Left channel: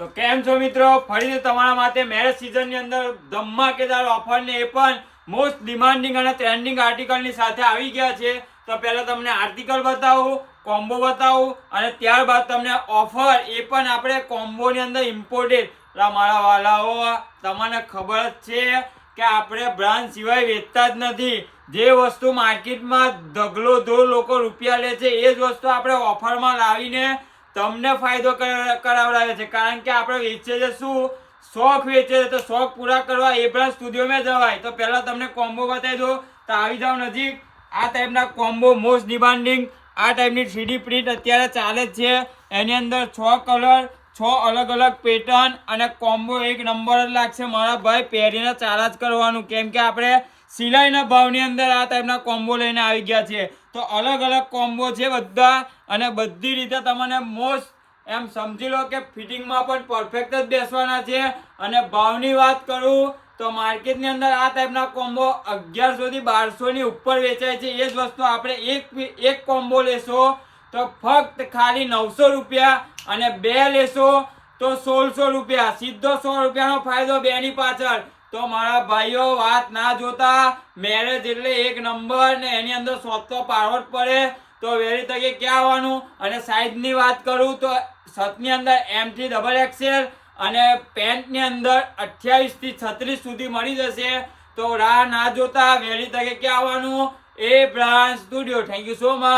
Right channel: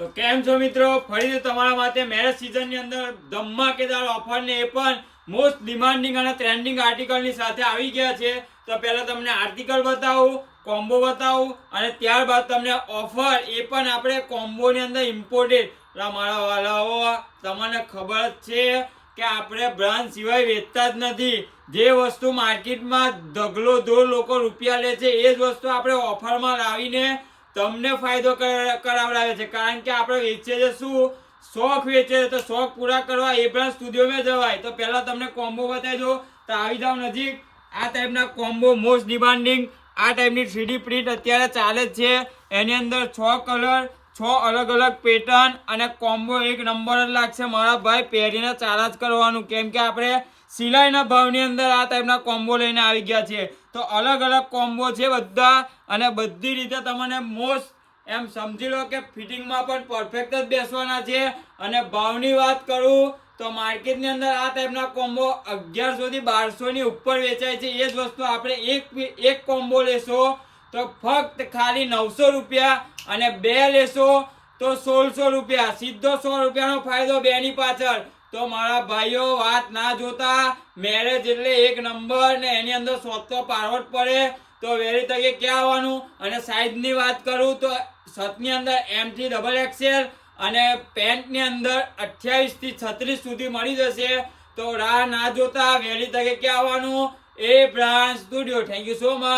તો કેમ છો મિત્રો, ફરીથી તમારા માટે મેરેજ સિઝનની અંદર ધમાકેદાર ઓફર ને એ પણ મોસ્ટ ડિમાન્ડિંગ અને ટ્રેન્ડિંગ આર્ટિકલની સાથે આવી ગયા છે. તો પહેલા તમને આર્ટિકલ બતાવું, કોમ્બો બતાવું અને ત્યારબાદ તમને ઓફર એ પણ આપણે કોમ્બોની અંદર ઇમ્પોર્ટેડ. મારા વાલાઓ, તમને ખબર જ છે કે આપણે બ્રાન્ડ સિવાય વેચતા જ નથી. જે વસ્તુ માર્કેટમાં ઢગલો ધોળ લોકો રૂપિયા લે છે એ જ વસ્તુ આપણે ઓફરમાં લાવીને તમને ફાયદો કરાવડાવે છે. કારણ કે આપણે વેચીએ છે શું, શોખ વેચે છે, તો શોખ પૂરા કરવા એ બ્રાન્ડ સ્ટુડિયોમાં જવાય. તો પહેલા તમને કોમ્બો બતાવી દો, તો આવી જાઓ નજીક. આ ટાઈપના કોમ્બો મોસ્ટ ડિમાન્ડિંગ, આ ટાઈપની 3D પ્રિન્ટ અત્યારે ચાલે જ છે. એની અંદર 6 કલર, 6 અલગ અલગ પેટર્ન અને કોમ્બો એક નંબર જ લાગશે મારા ભાઈ. પહેરીને ચાલા જ કરવાનું, કેમ કે આપણે સિલાઈના ભાવની અંદર આ ટાઈપના કોમ્બો લઈને આવી ગયા છે. તો અલગ અલગ કોમ્બો છે બધા, અને બધી રીતે તમને મોસ્ટ એમ સમજી લો કે ફિટિંગમાં પણ પરફેક્ટ જ બેસવાના છે. અને ભાવની વાત કરું તો માર્કેટની અંદર આ ટાઈપના કોમ્બો 1100 થી 1200 ની ઉપર વેચાય છે. એ જ વસ્તુ આપણે એક કોમ્બો લેશો તો ફક્ત ખાલી 900 રૂપિયા, અને 2 લેશો તો 1600 રૂપિયા. સીધો 100 રૂપિયાનો ફાયદો બેની પાછળ. તો મારા ભાઈઓ, વાત ના જોતા, મેરેજ એટલે એક નંબર ને એની અંદર શોખ તો પાડવો જ પડે. તો વહેલી તકે ક્યાં આવવાનું. અને સાઈઝની વાત કરું તો શર્ટની અંદર M થી XXL અને પેન્ટની અંદર 28 થી 36 સુધી મળી જશે. તો રાહ ના જોતા વહેલી તકે ક્યાં આવવાનું, એ brand studio. Thank you so much.